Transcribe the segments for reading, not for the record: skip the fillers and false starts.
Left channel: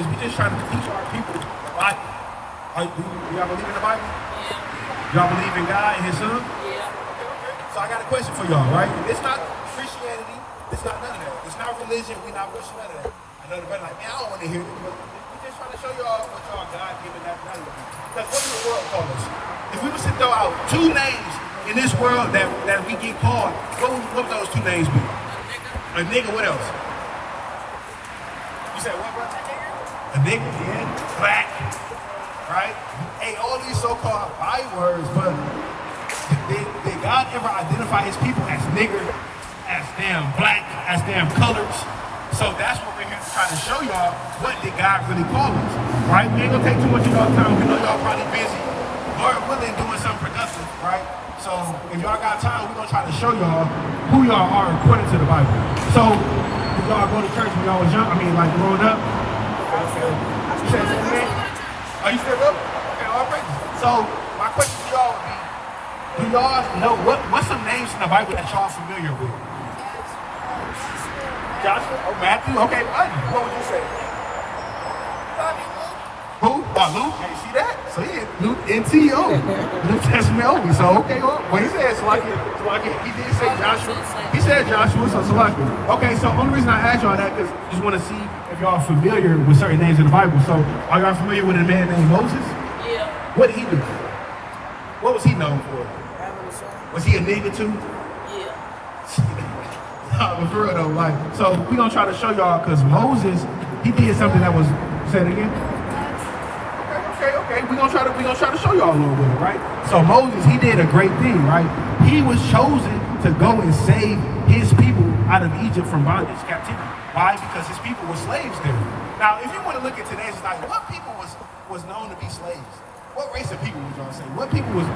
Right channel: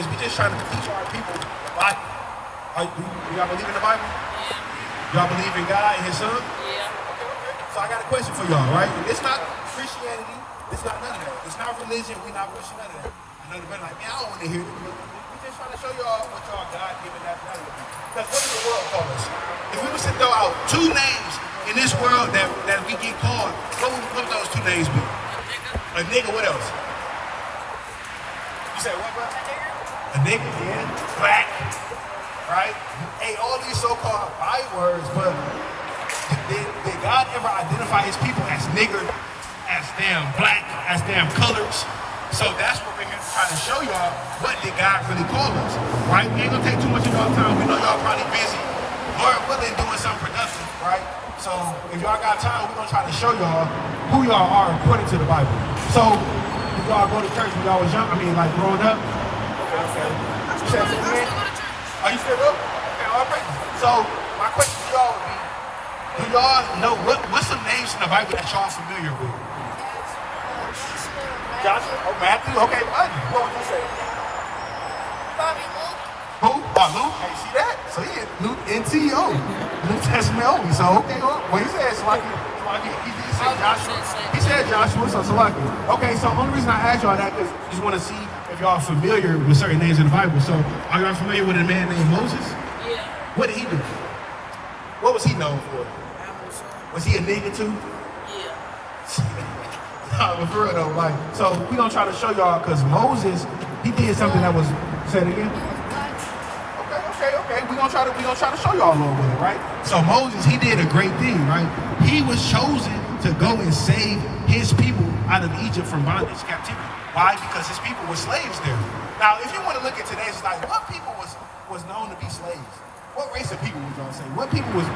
is we just trying to teach our people. Do y'all believe in the Bible? Y'all believe in God and His Son? Yeah. So I got a question for y'all, right? It's not Christianity. It's not none of that. It's not religion. We're not pushing none of that. I know the brother like, man, I don't want to hear it. But we're just trying to show y'all that you are God-given nationality. Because what does the world call us? If we was to throw out two names in this world that we get called, what would those two names be? A nigga, what else? You said what, brother? A nigga, yeah. Black, right? Hey, all these so-called bywords, but did God ever identify His people as nigger, as damn black, as damn colors? So that's what we're here to try to show y'all. What did God really call us, right? We ain't gonna take too much of y'all time. We know y'all probably busy. Lord willing, doing something productive, right? So if y'all got time, we're gonna try to show y'all who y'all are according to the Bible. So if y'all go to church when y'all was young, like growing up. You said something, man? Are you still up? Okay, all right. So my question to y'all, man, do y'all know what's some names in the Bible that y'all familiar with? Joshua or Matthew? Okay, what would you say? Who? Luke? You see that? So yeah, Luke NTO. New Testament only. So okay, well, what he said, so I get, he did say Joshua. He said Joshua, so I can. Okay, so only reason I asked y'all that is just want to see if y'all are familiar with certain names in the Bible. So are y'all familiar with a man named Moses? Yeah. What did he do? What was he known for? Was he a nigga too? Yeah. For real though, like, so we gonna try to show y'all because Moses, he did something that was, say it again. Okay. We gonna try to show y'all a little bit, right? So Moses, he did a great thing, right? He was chosen to go and save his people out of Egypt from bondage, captivity. Why? Because his people were slaves there. Now, if you want to look at today's life, what people was known to be slaves? What race of people was y'all say? What people was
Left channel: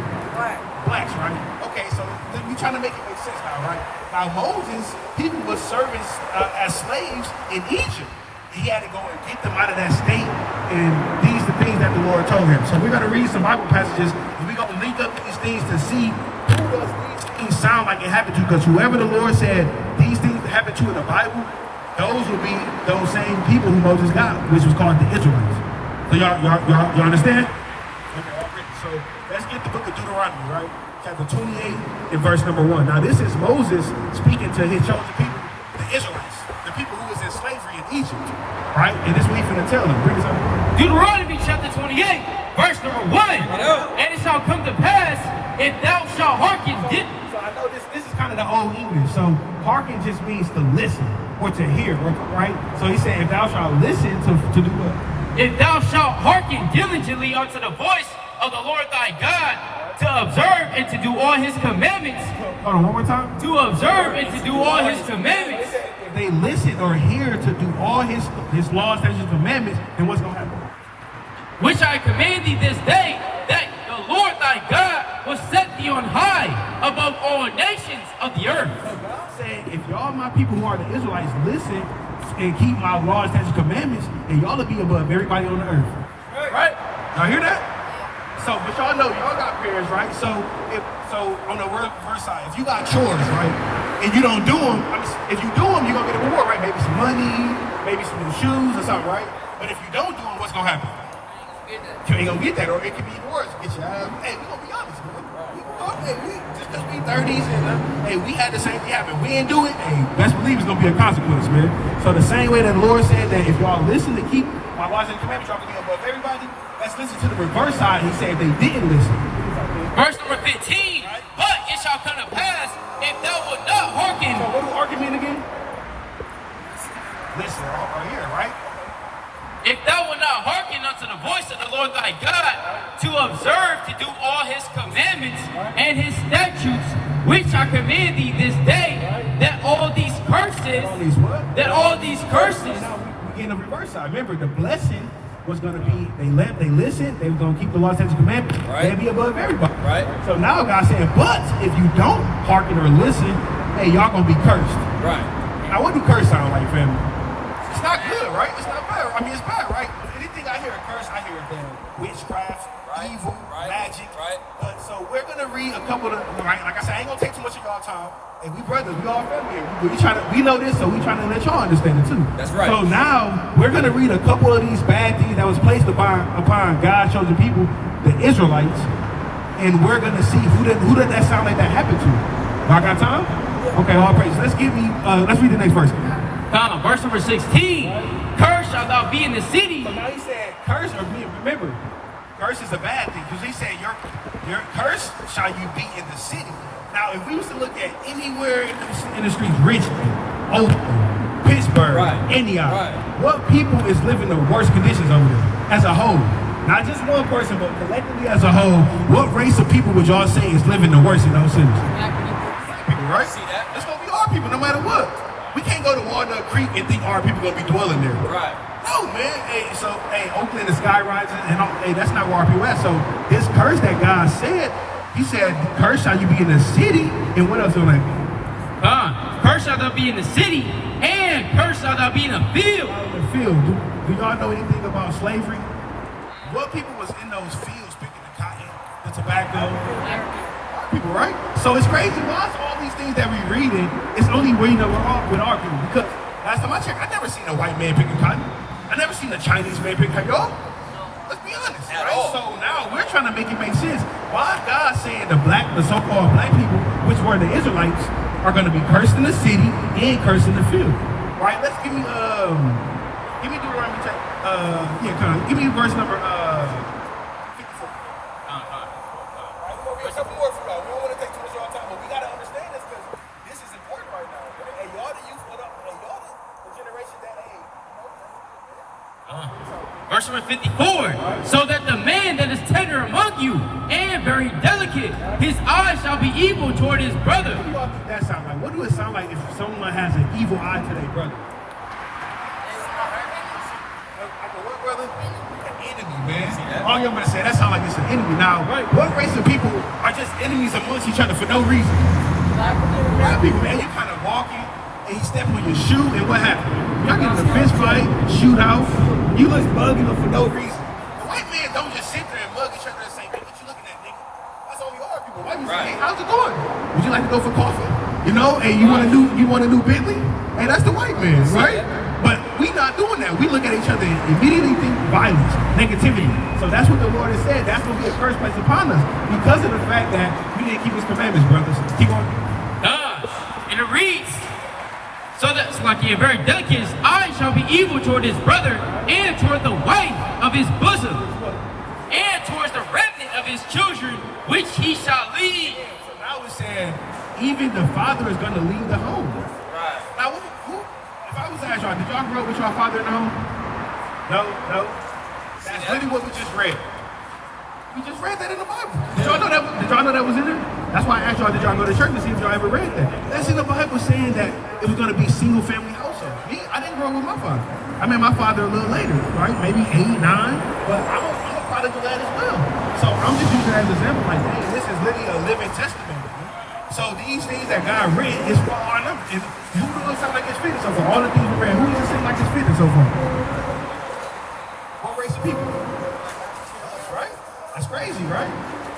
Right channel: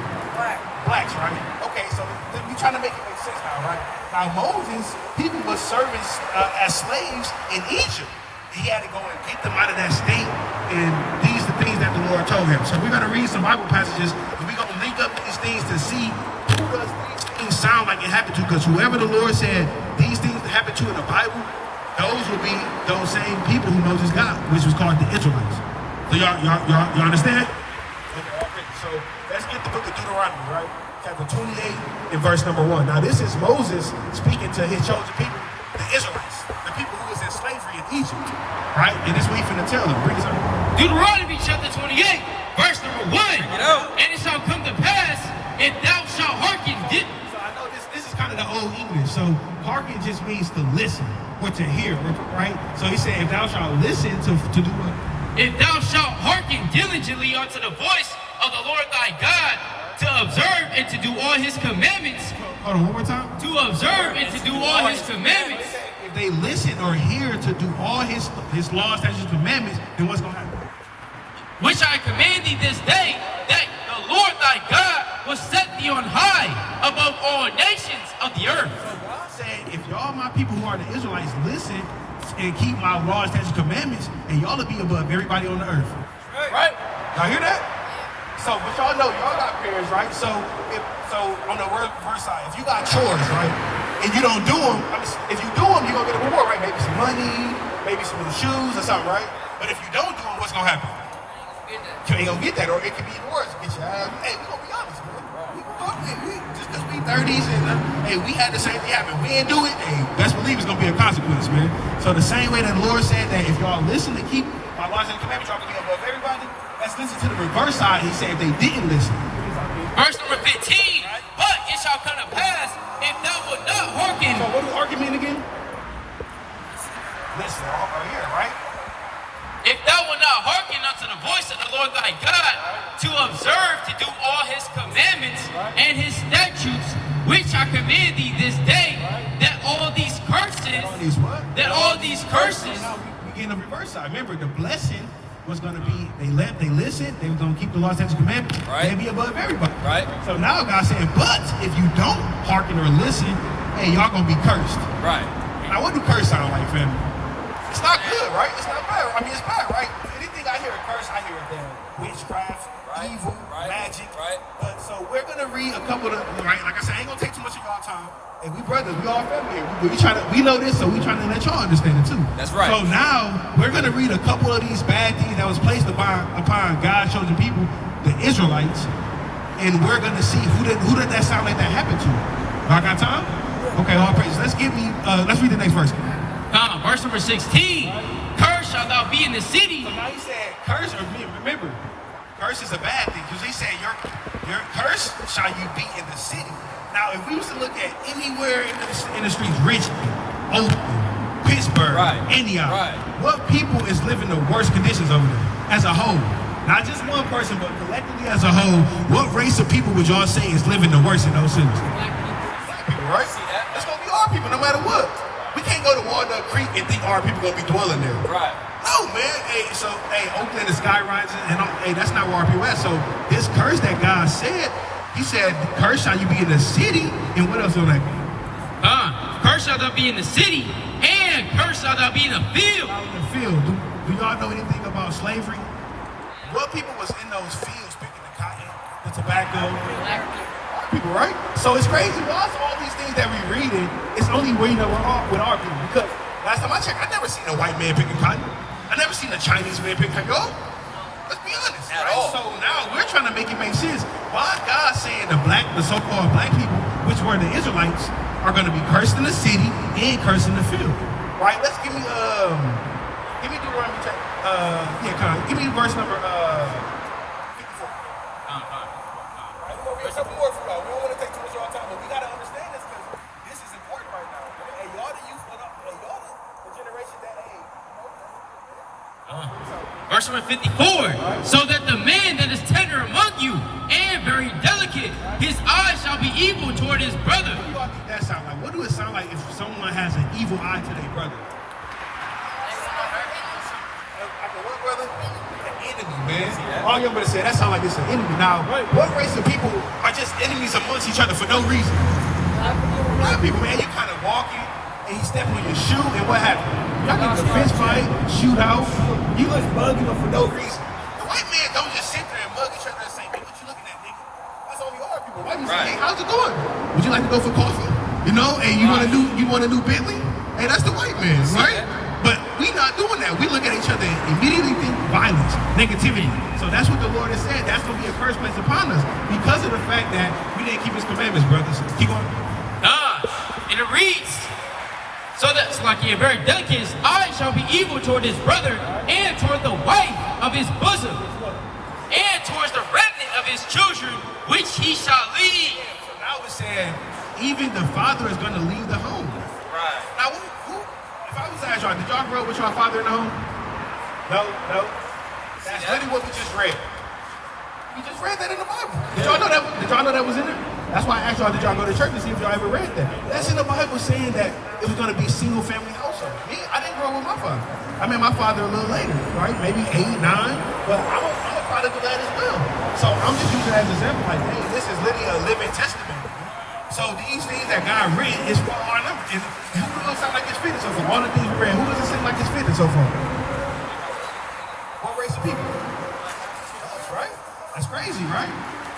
blacks, right? Okay, so then you trying to make it make sense now, right? By Moses, people were serving as slaves in Egypt. He had to go and get them out of that state, and these are the things that the Lord told him. So we're going to read some Bible passages, and we're going to link up these things to see who does these things sound like it happened to, because whoever the Lord said these things that happened to in the Bible, those would be those same people who Moses got, which was called the Israelites. So y'all understand? So let's get the book of Deuteronomy, right? Chapter 28 and verse number 1. Now this is Moses speaking to his chosen people, the Israelites, the people who was in slavery in Egypt, right? And this is what he's finna tell them. Bring us up. Deuteronomy chapter 28, verse number 1. And it shall come to pass, if thou shalt hearken. So I know this is kind of the old English. So hearken just means to listen or to hear, right? So he said, if thou shalt listen to do what? If thou shalt hearken diligently unto the voice of the Lord thy God, to observe and to do all his commandments. Hold on, one more time. To observe and to do all his commandments. If they listen or hear to do all his laws, statutes, and commandments, then what's going to happen? Which I command thee this day, that the Lord thy God will set thee on high above all nations of the earth. God said, if y'all, my people who are the Israelites, listen and keep my laws, statutes, and commandments, and y'all will be above everybody on the earth. Right? Y'all hear that? So, but y'all know, y'all got parents, right? So on the reverse side, if you got chores, right, and you don't do them, if you do them, you're going to get a reward, right? Maybe some money, maybe some new shoes or something, right? But if you don't do them, what's going to happen? You ain't going to get that, or it could be worse. Get your ass. Hey, we're going to be honest, man. We just because we 30s, and hey, we had the same thing happen. We didn't do it, hey, best believe it's going to be a consequence, man. So the same way that the Lord said that if y'all listen to keep my laws and commandments, y'all can be above everybody. Let's listen to the reverse side. He said if they didn't listen. Verse number 15. But it shall come to pass, if thou wilt not hearken. So what do hearken mean again? Listen, right here, right? If thou wilt not hearken unto the voice of the Lord thy God, to observe to do all his commandments and his statutes, which I command thee this day, that all these curses, We get in the reverse side. Remember, the blessing was going to be, they listened, they were going to keep the law, statutes, and commandments, they'd be above everybody. Right. So now God saying, but if you don't hearken or listen, hey, y'all going to be cursed. Right. Now, what do curse sound like, family? It's not good, right? It's not bad. I mean, it's bad, right? Anything I hear a curse, I hear a witchcraft, evil, magic. Right. But so we're going to read a couple of, right? Like I said, I ain't gonna take too much of y'all time. And we brothers, we all family here. We know this, so we trying to let y'all understand it too. That's right. So now we're gonna read a couple of these bad things that was placed upon God's chosen people, the Israelites, and we're gonna see who did that sound like that happened to. I got time? Okay, all praises. Let's read the next verse. Verse number 16. Cursed shalt thou be in the city. So now he said, curse, or remember, curse is a bad thing, because he said, your curse shall you be in the city. Now, if we was to look at anywhere in the streets, Richmond, Oakland, Pittsburgh, Antioch, what people is living the worst conditions over there as a whole? Not just one person, but collectively as a whole, what race of people would y'all say is living the worst in those cities? Black people, right? It's gonna be our people, no matter what. We can't go to Walnut Creek and think our people gonna be dwelling there. Right. No, man. Hey, Oakland is skyrising, and hey, that's not where our people at. So this curse that God said, he said, curse shall you be in the city, and what else on that? Curse shall thou be in the city, and curse shall thou be in the field. In the field. Do y'all know anything about slavery? What people was in those fields picking the cotton, the tobacco? People, right? So it's crazy. Why is all these things that we reading, it's only reading with our people? Because last time I checked, I never seen a white man picking cotton. I never seen a Chinese man picking cotton. Y'all, let's be honest, right? So now we're trying to make it make sense. Why God saying the so-called black people, which were the Israelites, are going to be cursed in the city and cursed in the field? Right? Let's give me Deuteronomy. Give me verse number 54. We don't want to take too much of our time, but we got to understand this because this is important right now. And y'all the youth, y'all the generation that age. Verse number 54. So that the man that is tender among you and very delicate, his eyes shall be evil toward his brother. What do y'all think that sound like? What do it sound like if someone has an evil eye to their brother? All y'all better say that sounds like it's an enemy. Now, what race of people are just enemies amongst each other for no reason? Black people, man, you kind of walking and he step on your shoe, and what happened? Y'all get in a fist fight, shoot out, you look mugging them for no reason. The white man don't just sit there and mug each other and say, hey, what you looking at, nigga? That's only our people. White people say, hey, how's it going? Would you like to go for coffee? You know, and you want a new Bentley? Hey, that's the white man, right? But we not doing that. We look at each other and immediately think violence, negativity. So that's what the Lord has said. That's going to be a curse placed upon us because of the fact that we didn't keep his commandments, brothers. Keep going. And it reads, so that like a very delicate, his eyes shall be evil toward his brother and toward the wife of his bosom and towards the remnant of his children, which he shall leave. So now it said, even the father is going to leave the home. Now, if I was to ask y'all, did y'all grow up with your father in the home? No. That's literally what we just read. We just read that in the Bible. Did y'all know that was in there? That's why I asked y'all, did y'all go to church to see if y'all ever read that? That's in the Bible saying that it was going to be single family household. Me, I didn't grow up with my father. I met my father a little later, right? Maybe 8, 9, but I'm a product of that as well. So I'm just using that as an example, like, hey, this is literally a living testament. So these things that God read is for our numbers. Who does it sound like it's fitting so far? All the things we read, who does it seem like it's fitting so far? What race of people? Right? That's crazy, right?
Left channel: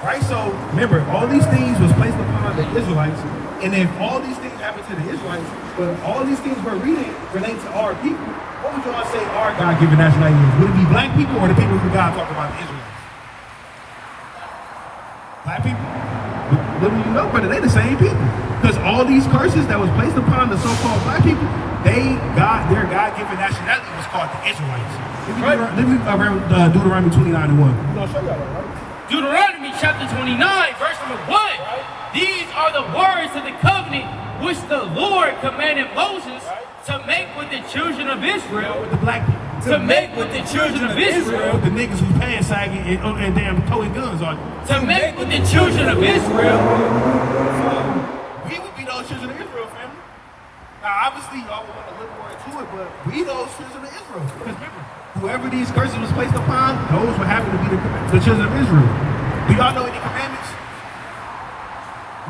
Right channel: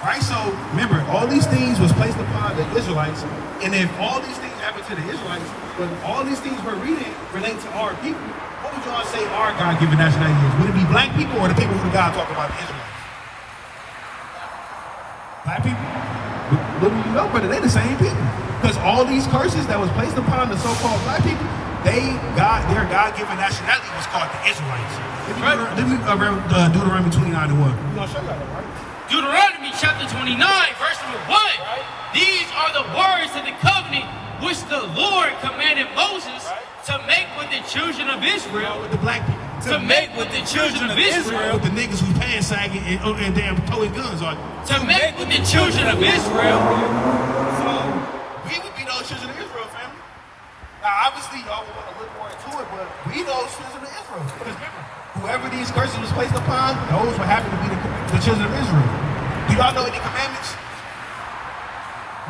Right? So remember, all these things was placed upon the Israelites, and if all these things happened to the Israelites, but all these things we're reading relate to our people, what would y'all say our God-given nationality is? Would it be black people or the people who God talking about, the Israelites? Black people? Literally, no, brother, they the same people. Because all these curses that was placed upon the so-called black people, their God-given nationality was called the Israelites. Let me Deuteronomy 29:1. We're going to show y'all that, right? Deuteronomy chapter 29, verse number 1. These are the words of the covenant which the Lord commanded Moses to make with the children of Israel. With the black people. To make with the children of Israel. With the niggas who's pants sagging and damn towing guns on. To make with the children of Israel. So, we would be those children of Israel, family. Now, obviously, y'all want to look more into it, but we those children of Israel. Because whoever these curses was placed upon, those were having to be the children of Israel. Do y'all know any commandments?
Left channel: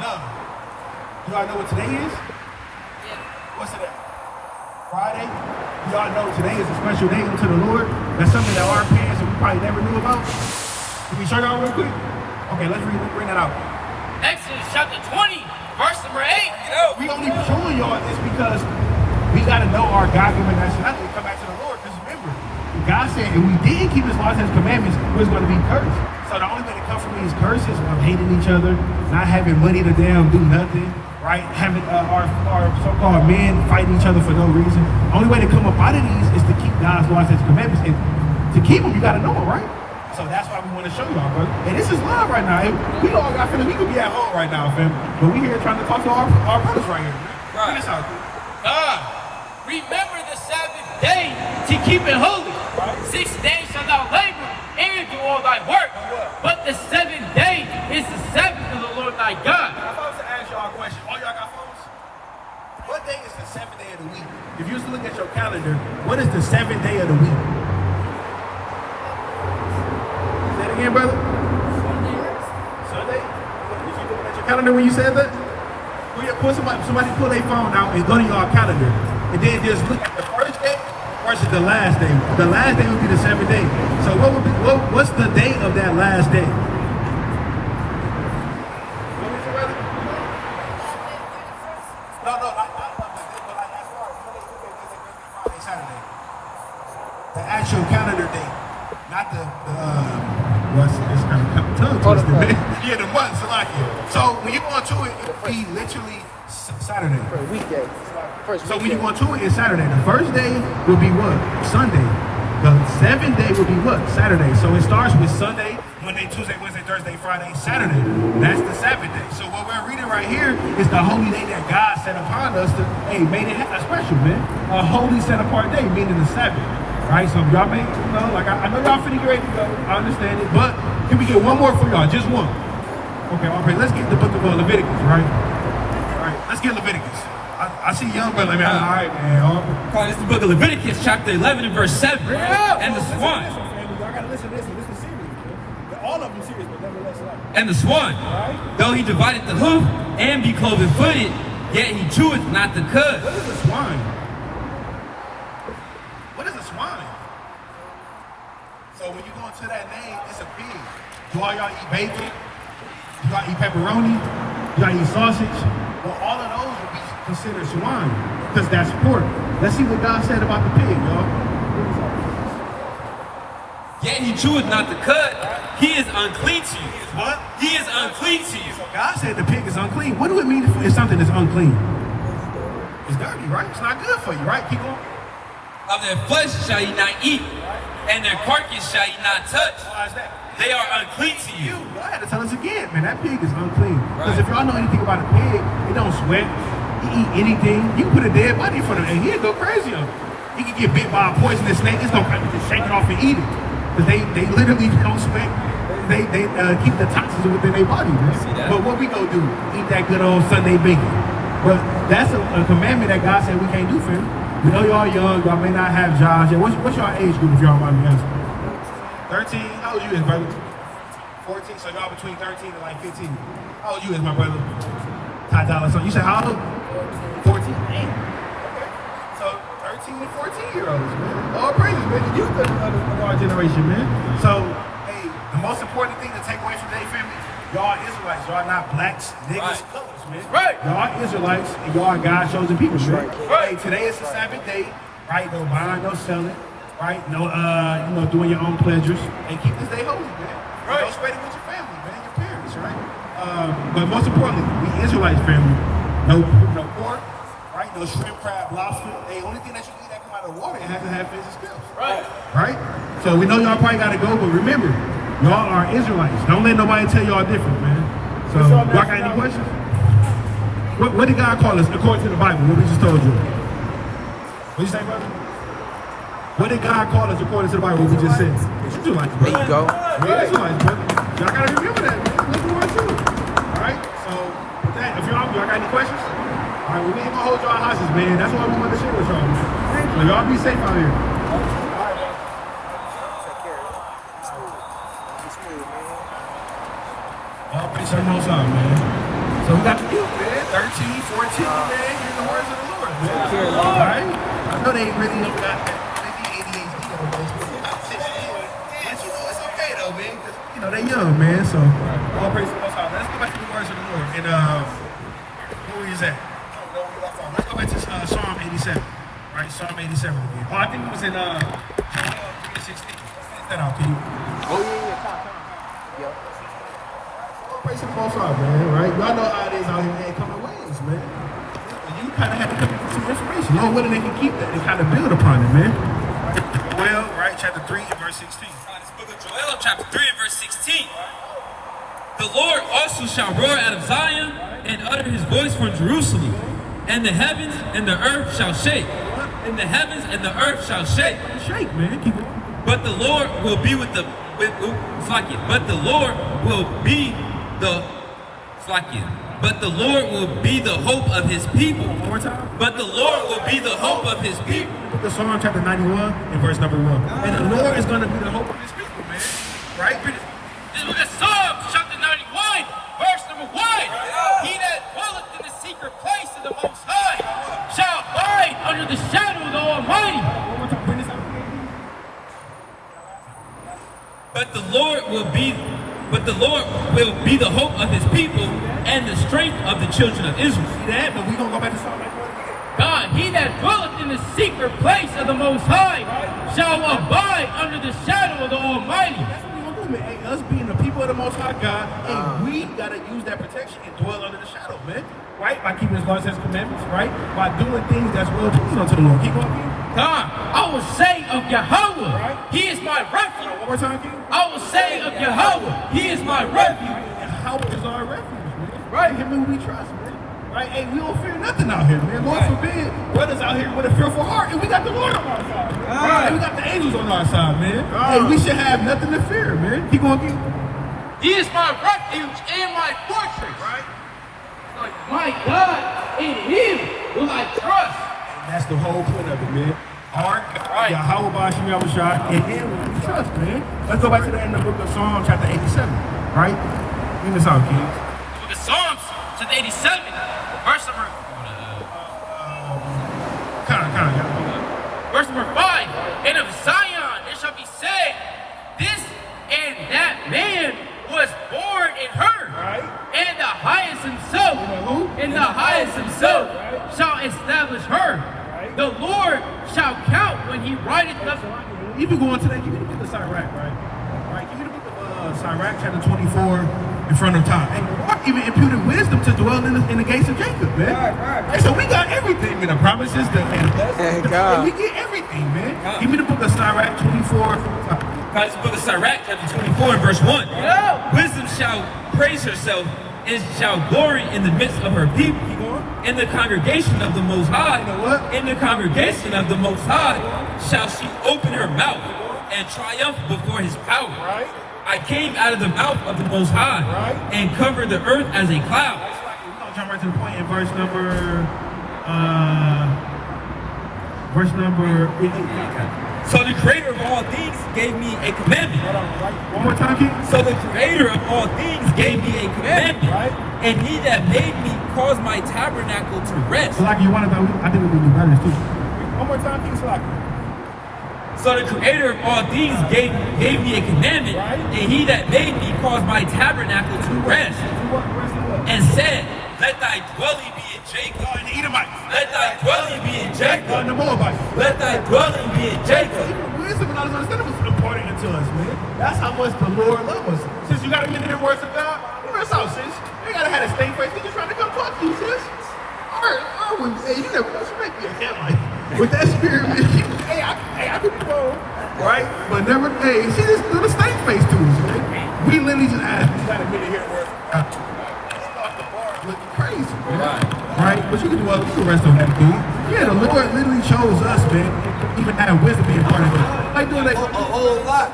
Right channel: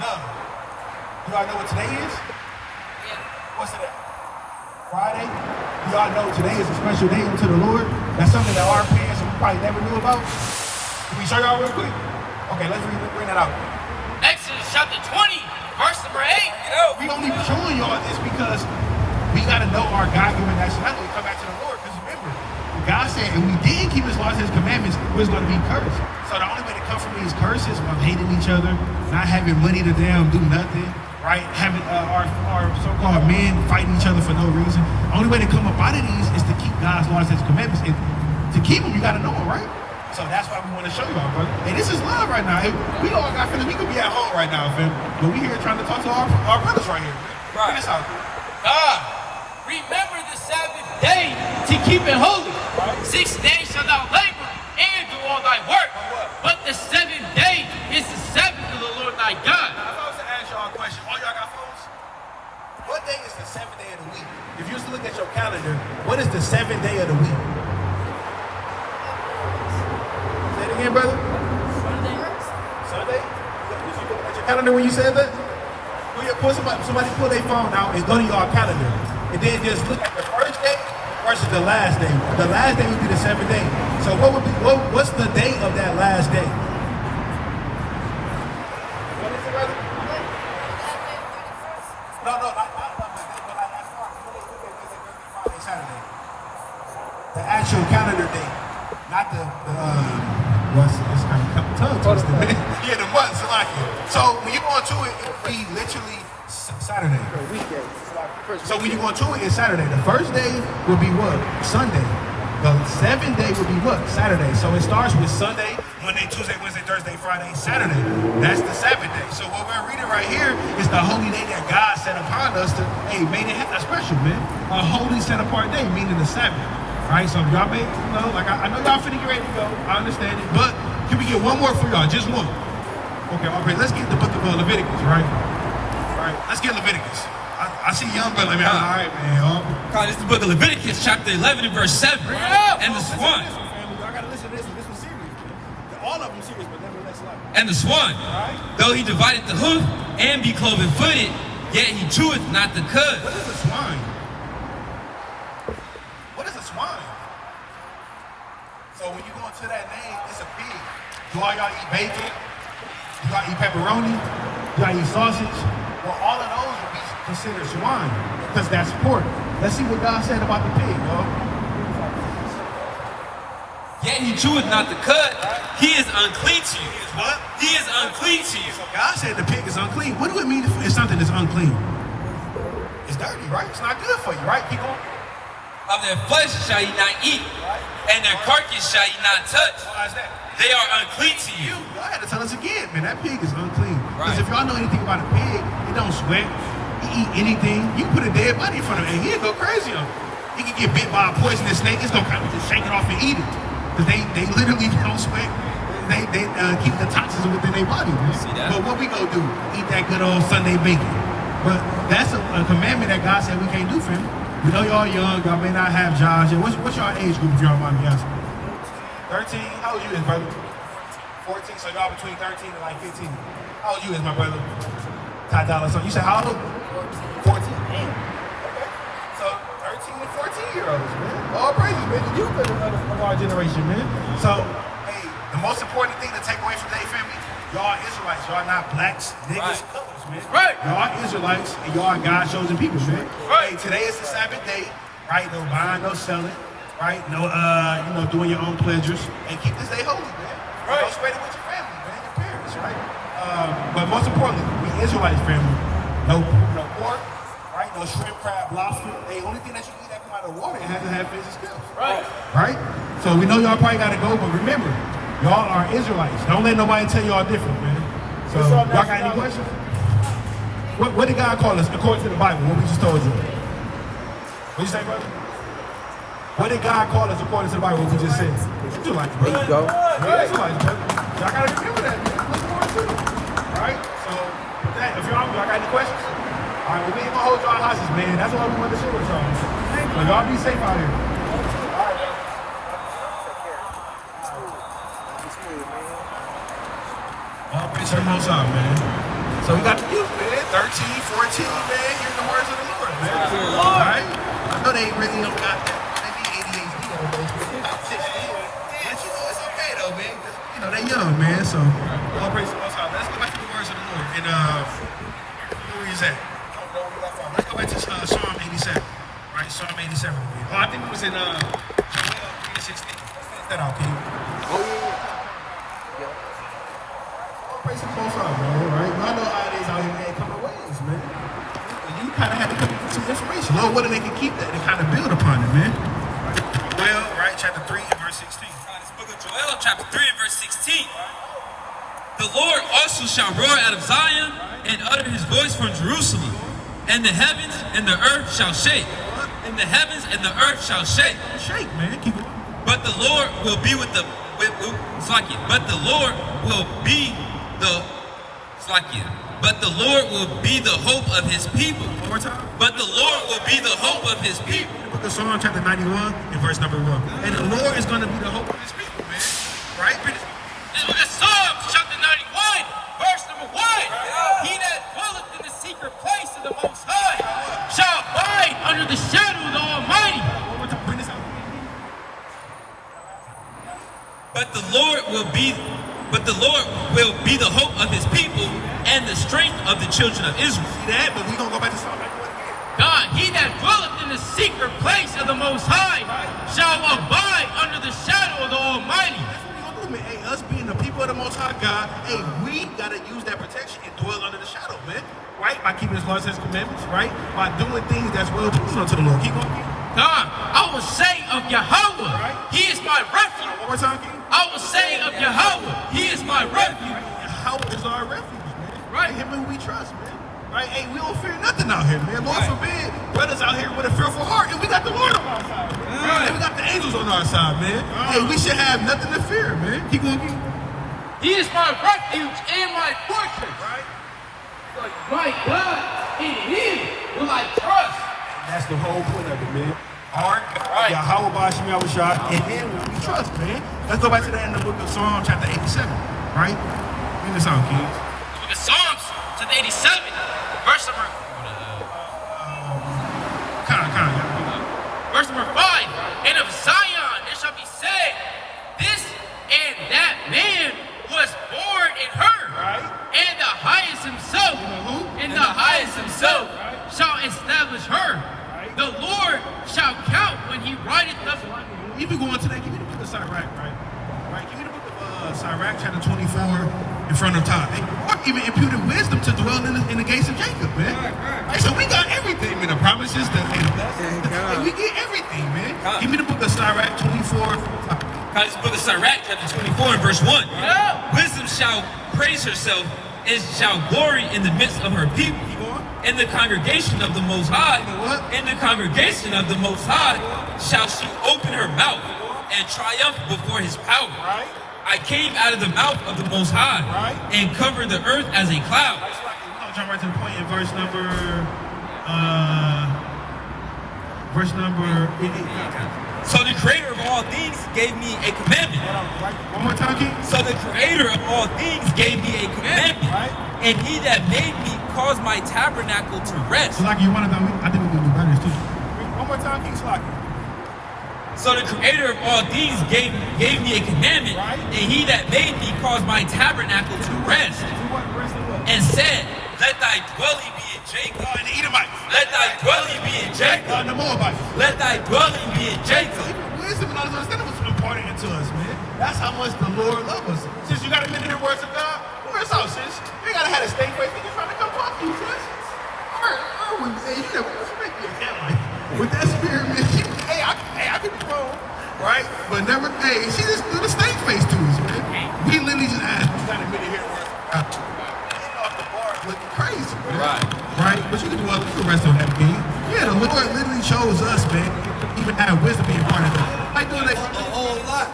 No. Do y'all know what today is? What's today? Friday. Do y'all know today is a special day unto the Lord? That's something that our parents probably never knew about. Can we show y'all real quick? Okay, let's bring that out. Exodus chapter 20, verse number 8. We only showing y'all this because we gotta know our God-given nationality and come back to the Lord. Because remember, God said if we didn't keep His laws and His commandments, we're going to be cursed. So the only way to come from these curses of hating each other, not having money to damn do nothing, right? Having our so-called men fighting each other for no reason. The only way to come up out of these is to keep God's laws and His commandments. And to keep them, you got to know them, right? So that's why we want to show y'all, brother. And this is love right now. We all got feelings. We could be at home right now, fam. But we here trying to talk to our brothers right here. Check this out. Remember the Sabbath day to keep it holy. 6 days shalt thou labor and do all thy work. But the 7th day is the Sabbath of the Lord thy God. I'm about to ask y'all a question. All y'all got phones? What day is the 7th day of the week? If you used to look at your calendar, what is the 7th day of the week? Say it again, brother. Sunday. Was you looking at your calendar when you said that? Somebody pull their phone out and go to your calendar. And then just look at the first day versus the last day. The last day would be the 7th day. So what's the date of that last day? Saturday. The actual calendar date, not the it's kind of tongue twisted, man. Yeah, the months like it. So when you go into it, it'll be literally Saturday. So when you go to it, it's Saturday. The first day will be what? Sunday. The 7th day will be what? Saturday. So it starts with Sunday, Monday, Tuesday, Wednesday, Thursday, Friday, Saturday. That's the Sabbath day. So what we're reading right here is the holy day that God set upon us to, hey, made it a special, man. A holy set apart day, meaning the Sabbath. Right? So y'all may, like I know y'all finna get ready to go. I understand it. But can we get one more for y'all? Just one. Okay, all right. Let's get the book of Leviticus, right? All right. Let's get Leviticus. I see young brother, man. All right, man. This is the book of Leviticus, chapter 11 and verse 7. And the swan. Y'all gotta listen to this one. This one's serious. All of them serious, but nevertheless like. And the swan, though he divided the hoof and be cloven-footed, yet he cheweth not the cud. What is a swine? What is a swine? So when you go into that name, it's a pig. Do all y'all eat bacon? Do y'all eat pepperoni? Do y'all eat sausage? Well, all of those would be considered swine, because that's pork. Let's see what God said about the pig, y'all. Yet he cheweth not the cud. He is unclean to you. What? He is unclean to you. God said the pig is unclean. What do it mean if something is unclean? It's dirty, right? It's not good for you, right? Keep on. Of their flesh shall ye not eat, and their carcass shall ye not touch. Why is that? They are unclean to you. Y'all had to tell us again, man. That pig is unclean. Because if y'all know anything about a pig, it don't sweat. He eat anything. You can put a dead body in front of him, and he'll go crazy on it. He can get bit by a poisonous snake. It's gonna kind of just shake it off and eat it. Because they literally don't sweat. They keep the toxins within their body, man. But what we gonna do? Eat that good old Sunday bacon. But that's a commandment that God said we can't do for him. We know y'all young. Y'all may not have jobs. What's your age group if y'all mind me asking? 13? How old you is, brother? 14, so y'all between 13 and like 15. How old you is, my brother? $5. So you said how old? 14? So 13 to 14-year-olds, man. All praises, man. The youth of our generation, man. So, hey, the most important thing to take away from today, family, y'all Israelites. Y'all not blacks, niggas, colors, man. Right. Y'all Israelites, and y'all are God's chosen people, man. Right. Hey, today is the Sabbath day, right? No buying, no selling. Right? No, doing your own pleasures. And keep this day holy, man. Right. Go spend it with your family, man, your parents, right? But most importantly, we Israelites family. No pork, right? No shrimp, crab, lobster. The only thing that you eat that come out of the water, it has to have fish and scales. Right. Right? So we know y'all probably gotta go, but remember, y'all are Israelites. Don't let nobody tell y'all different, man. So y'all got any questions? What did God call us according to the Bible? What we just told you? What you say, brother? What did God call us according to the Bible? What we just said? You do like to make it go. Y'all gotta remember that, man. Look forward to it. Alright? So, with that, if y'all got any questions, alright, we ain't gonna hold y'all hostage, man. That's why we want to share with y'all. So y'all be safe out here. Y'all pray to the most high, man. So we got the youth, man. 13, 14, man. Hear the words of the Lord, man. Alright? I know they really don't got that. It's okay though, man. They young, man. So all praise to the Most High. Let's go back to the words. voice of the Lord. And where is that? Let's go back to Psalm 87. Right, Psalm 87 again. Oh, I think it was in Joel 3:16. That out, Kitty. Oh yeah. Praise to the Most High, man. Right, y'all know how it is out here. They ain't coming ways, man. You kind of had to keep some inspiration. Lord, what they can keep that and kind of build upon it, man. Joel, right, chapter 3 and verse 16. This book of Joel, chapter 3 and verse 16. The Lord also shall roar out of Zion and utter his voice from Jerusalem, and the heavens and the earth shall shake. And the heavens and the earth shall shake. Shake, man. Keep going. But the Lord will be with the But the Lord will be the But the Lord will be the hope of his people. One more time. But the Lord will be the hope of his people. The book of Psalm chapter 91 and verse number 1. And the Lord is going to be the hope of his people, man. Right? This book of Psalms chapter 91, verse number 1. He that dwelleth in the secret place of the Most High shall abide under the shadow of the Almighty. One more time. Bring this out. But the Lord will be the hope of his people and the strength of the children of Israel. See that? But we're going to go back to Psalm 91 again. God, he that dwelleth in the secret place of the Most High shall abide under the shadow of the Almighty. That's what we're going to do, man. Hey, us being the people of the Most High God, hey, we got to use that protection and dwell under the shadow, man. Right? By keeping his laws and his commandments, right? By doing things that's well pleasing unto the Lord. Keep going, King. God, I will say of Yahweh, he is my refuge. One more time, King. I will say of Yahweh, he is my refuge. Yahweh is our refuge, man. Right. Him who we trust, man. Right? Hey, we don't fear nothing out here, man. Lord forbid, brothers out here with a fearful heart, and we got the Lord on our side. Right? And we got the angels on our side, man. Hey, we should have nothing to fear, man. Keep going, King. He is my refuge and my fortress. My God, in him will I trust. That's the whole point of it, man. Yahweh Bashim Yahushua, and then we trust, man. Let's go back to that in the book of Psalm chapter 87, right? Bring this out, King. The book of Psalms, chapter 87, verse number... Verse number 5. And of Zion it shall be said, this and that man was born in her. Right. And the highest himself, who? the highest himself shall establish her. Right. The Lord shall count when he writeth the... Even going to that, give me the book of Sirach, right? Right, give me the book of Sirach, chapter 24, in front of time. And the Lord even imputed wisdom to dwell in the gates of Jacob, man. Right. So we got everything, man. The promises, the blessings, we get everything, man. Give me the book of Sirach, 24. This book of Sirach, chapter 24, and verse 1. No. Wisdom shall praise herself and shall glory in the midst of her people. In the congregation of the Most High, in the congregation of the Most High, shall she open her mouth and triumph before his power. Right. I came out of the mouth of the Most High, right, and covered the earth as a cloud. I'll jump right to the point in verse number 8. So the creator of all things gave me a commandment. Hold on, right. One more time, King. So the creator of all things gave me a commandment. Right. And he that made me caused my tabernacle to rest. So like you wanted though, I think we can do better too. One more time, King Slocky. So the creator of all things gave me a commandment, right, and he that made me caused my tabernacle to rest. And said, let thy dwelling be in Jacob. And the Edomites. Let thy dwelling be in Jacob. And the Moabites. Let thy dwelling be in Jacob. Wisdom and understanding was important to us, man. That's how much the Lord loves us. Since you got to hear the words of God, where's us out, sis? You gotta have a stink face. He trying to come talk to you, sis. Hey, you never make me a head like with that spirit, man. I could be wrong, right? But never, hey, she just do the stink face to us, man. We literally just asked, you gotta admit it here, word. Looking crazy, man. Right? But you can do the rest of that, King. Yeah, the Lord literally chose us, man. Even have wisdom being part of it. Like doing that a whole lot.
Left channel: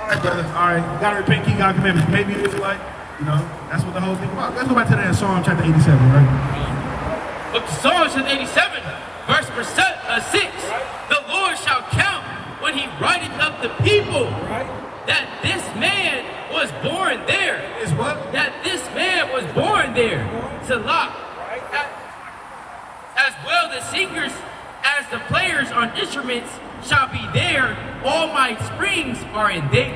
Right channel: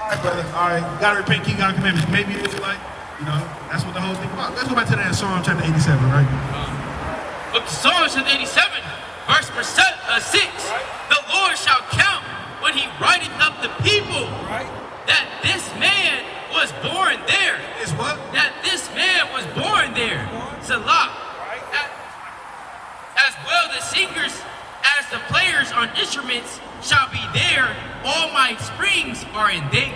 Alright, brother. Alright, you gotta repent, keep God's commandments. Maybe it is like, you know, that's what the whole thing about. Let's go back to that Psalm chapter 87, right? Book of Psalms chapter 87, verse 6. The Lord shall count when he writeth up the people, that this man was born there. Is what? That this man was born there. Salah. As well the singers as the players prayers on instruments shall be there. All my springs are in thee.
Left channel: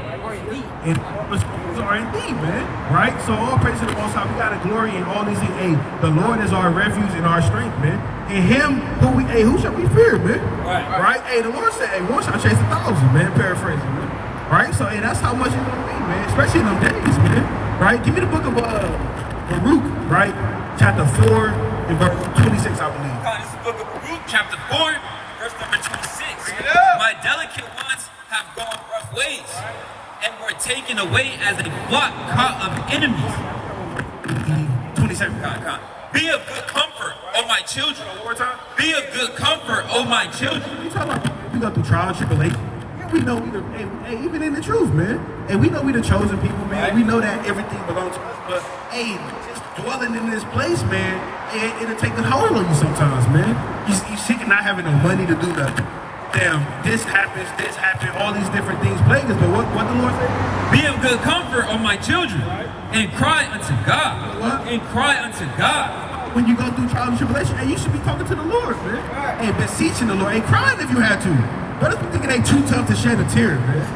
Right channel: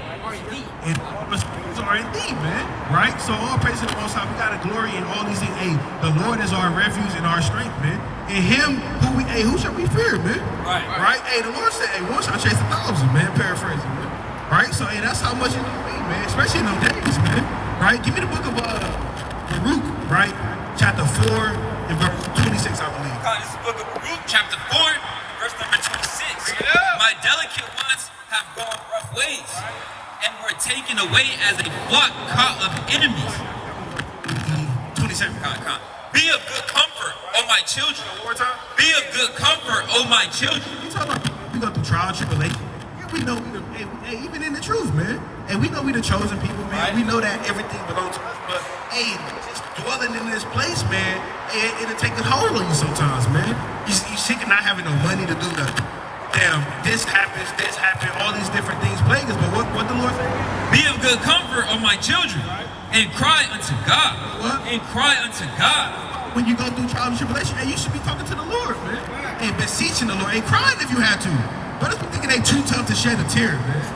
And all the springs are in thee, man. Right? So all praise to the Most High. We gotta glory in all these things. Hey, the Lord is our refuge and our strength, man. In Him, who shall we fear, man? Right? Hey, the Lord said, hey, one shall chase 1,000, man. Paraphrasing, man. Right? So, hey, that's how much it's gonna be, man. Especially in them days, man. Right? Give me the book of Baruch, right? Chapter 4 and verse 26, I believe. This is the book of Baruch, chapter 4, verse number 26. My delicate ones have gone rough ways, and were taken away as a flock caught of enemies. 27. Be of good comfort, O my children. One more time. Be of good comfort, O my children. You talking about we go through trial and tribulation. Yeah, we know we the, hey, even in the truth, man. And we know we the chosen people, man. We know that everything belongs to us. But hey, just dwelling in this place, man, it'll take a hold on you sometimes, man. You sick of not having no money to do nothing. Damn, this happens, all these different things plague us. But what the Lord say? Be of good comfort, O my children, and cry unto God. What? And cry unto God. When you go through trial and tribulation, hey, you should be talking to the Lord, man. Hey, beseeching the Lord. Hey, crying if you had to. Brothers be thinking they too tough to shed a tear, man.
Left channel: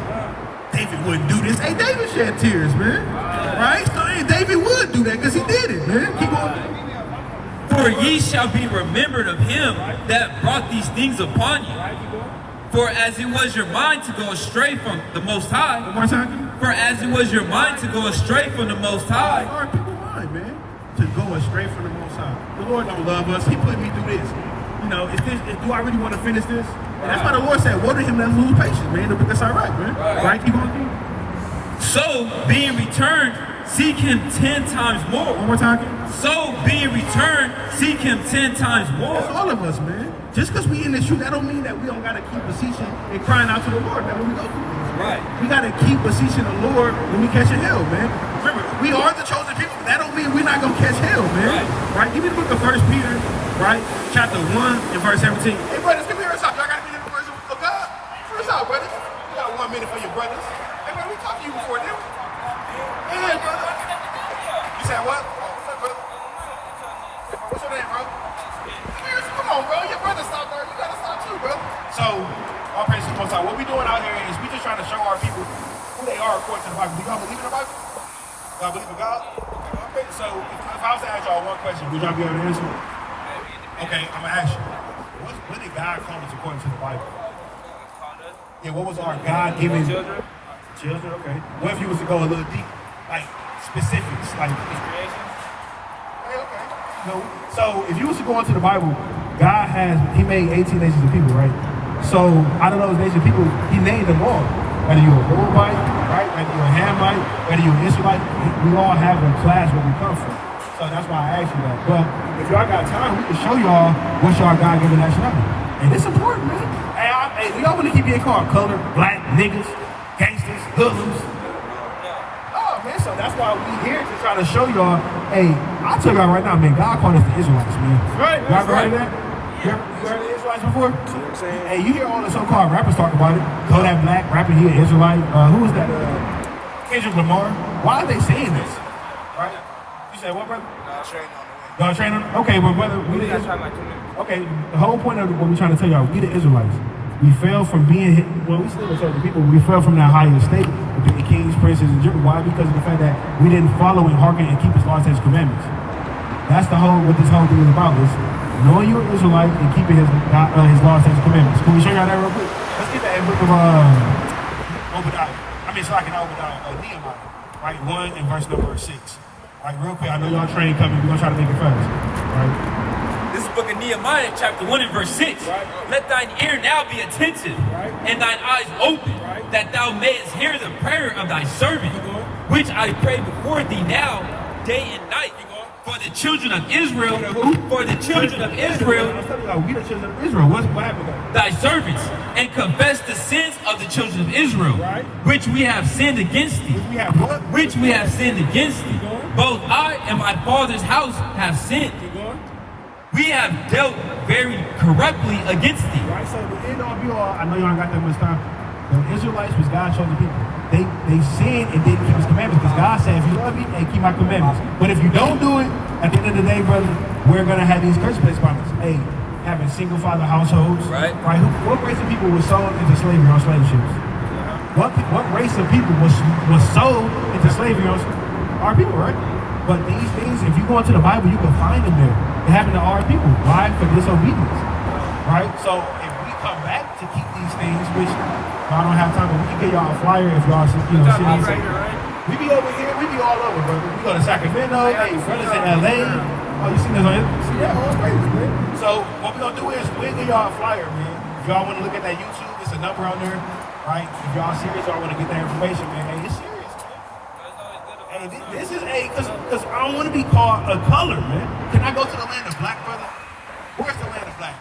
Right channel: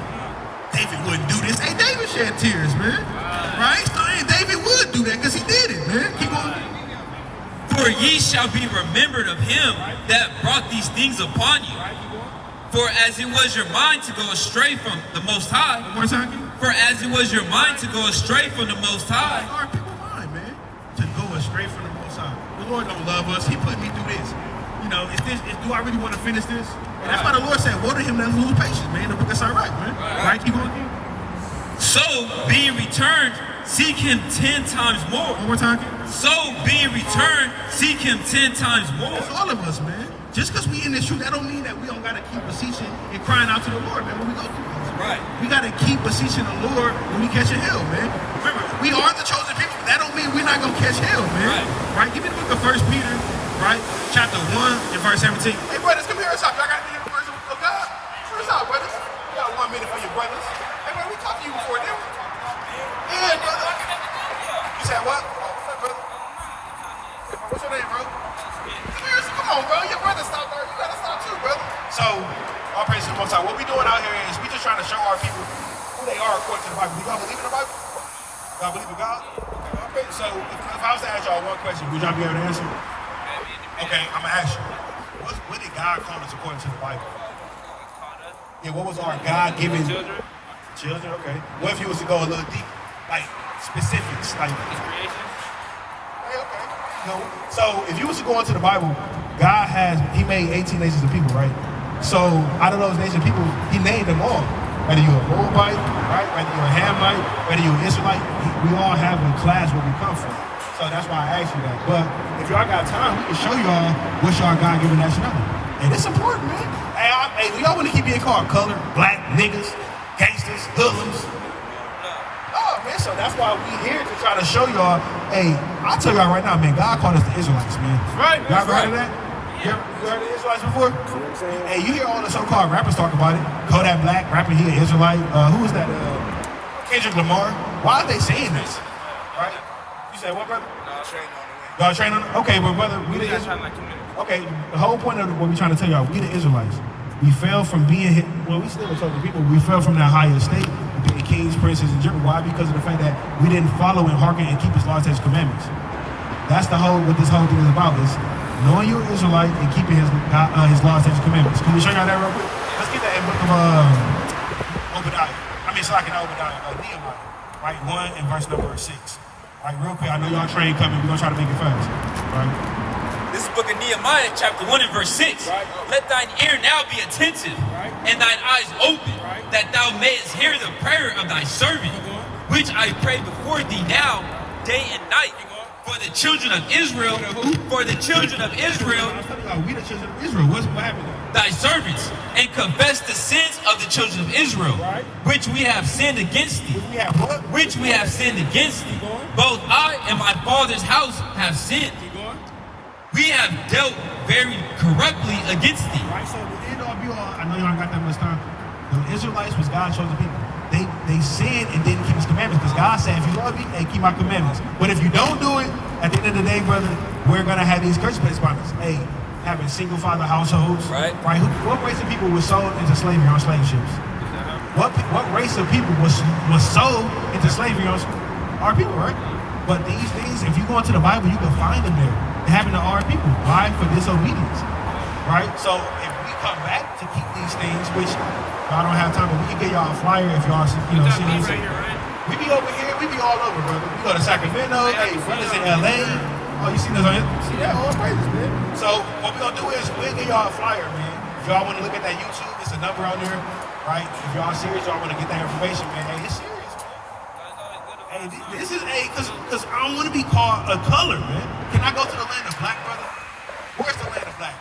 David wouldn't do this. Hey, David shed tears, man. Right? So, hey, David would do that because he did it, man. Keep going. For ye shall be remembered of him that brought these things upon you. For as it was your mind to go astray from the Most High. One more time. For as it was your mind to go astray from the Most High. Our people mind, man, to go astray from the Most High. The Lord don't love us. He put me through this. You know, do I really want to finish this? And that's why the Lord said, woe to him that lose patience, man. That's all right, man. Right? Keep going. So, being returned, seek him 10 times more. One more time. So, being returned, seek him 10 times more. That's all of us, man. Just because we in the truth, that don't mean that we don't got to keep beseeching and crying out to the Lord, man, when we go through things. Right. We got to keep beseeching the Lord when we catch a hell, man. Remember, we are the chosen people, but that don't mean we're not going to catch hell, man. Right? Give me the book of 1 Peter, right? Chapter 1 and verse 17. Hey, brothers, come here a second. Y'all got to be in the words of God. What's up, brothers? You got 1 minute for your brothers. Hey, man, we talked to you before, didn't we? Yeah, brother. You said what? What's your name, bro? Come on, bro. Your brother stop, bro. You gotta stop too, brother. So, all praise to the Most High. What we doing out here is we just trying to show our people who they are according to the Bible. You gonna believe in the Bible? You gonna believe in God? Okay, so if I was to ask y'all one question, would y'all be able to answer? Okay, I'm gonna ask you. What did God call us according to the Bible? Yeah, what was our God-given children? Children, okay. What if you was to go a little deep, like specifics, like creation? So if you was to go into the Bible, God he made 18 nations of people, right? So out of those nations of people, he named them all. Whether you're a Moabite, right? Whether you're a Hamite, whether you're an Israelite, we all have a class where we come from. So that's why I asked you that. But if y'all got time, we can show y'all what's y'all God-given nationality. And it's important, man. Hey, we all want to keep being called colored, black, niggas, gangsters, hoodlums. Oh, man, so that's why we here to try to show y'all, hey, I'll tell y'all right now, man, God called us the Israelites, man. Right. Y'all ever heard of that? Yeah. You heard of the Israelites before? Hey, you hear all the so-called rappers talk about it. Kodak Black, rapper here, Israelite. Who is that? Kendrick Lamar. Why are they saying this? Right? You said what, brother? Y'all train on it? Okay, but brother, we got time like 2 minutes. Okay, the whole point of what we're trying to tell y'all, we the Israelites. We fell from being, we still the chosen people, we fell from that higher state between the kings, princes, and generals. Why? Because of the fact that we didn't follow and hearken and keep his laws and his commandments. That's what this whole thing is about, is knowing you're an Israelite and keeping his laws and his commandments. Can we show y'all that real quick? Let's get that in book of Obadiah. Nehemiah, right? 1 and verse number 6. Right, real quick, I know y'all train coming, we're gonna try to make it fast. Right? This is the book of Nehemiah, chapter 1 and verse 6. Right. Let thine ear now be attentive, right, and thine eyes open, right, that thou mayest hear the prayer of thy servant, which I pray before thee now, day and night, for the children of Israel. For the children of Israel. I'm telling you, we the children of Israel. What happened though? Thy servants, and confess the sins of the children of Israel, right, which we have sinned against thee. We have what? Which we have sinned against thee. Both I and my father's house have sinned. We have dealt very corruptly against thee. Right, so the end all be all, I know y'all ain't got that much time. The Israelites was God's chosen people. They sinned and didn't keep his commandments, because God said, if you love me, hey, keep my commandments. But if you don't do it, at the end of the day, brother, we're gonna have these curse placed upon us. Hey, having single father households. Right. What race of people was sold into slavery on slave ships? What race of people was sold into slavery on our people, right? But these things, if you go into the Bible, you can find them there. It happened to our people. Why? For disobedience. Right? So if we come back to keep these things, which I don't have time, but we can get y'all a flyer if y'all see. You got me right here, right? We be over here, we be all over, brother. We go to Sacramento, hey, brothers in LA. Oh, you seen us on it? See that? Oh, great, man. So what we gonna do is we'll give y'all a flyer, man. If y'all wanna look at that YouTube, there's a number on there, right? If y'all serious, y'all wanna get that information, man. Hey, it's serious. This is because I don't want to be called a color, man. Can I go to the land of black, brother? Where's the land of black?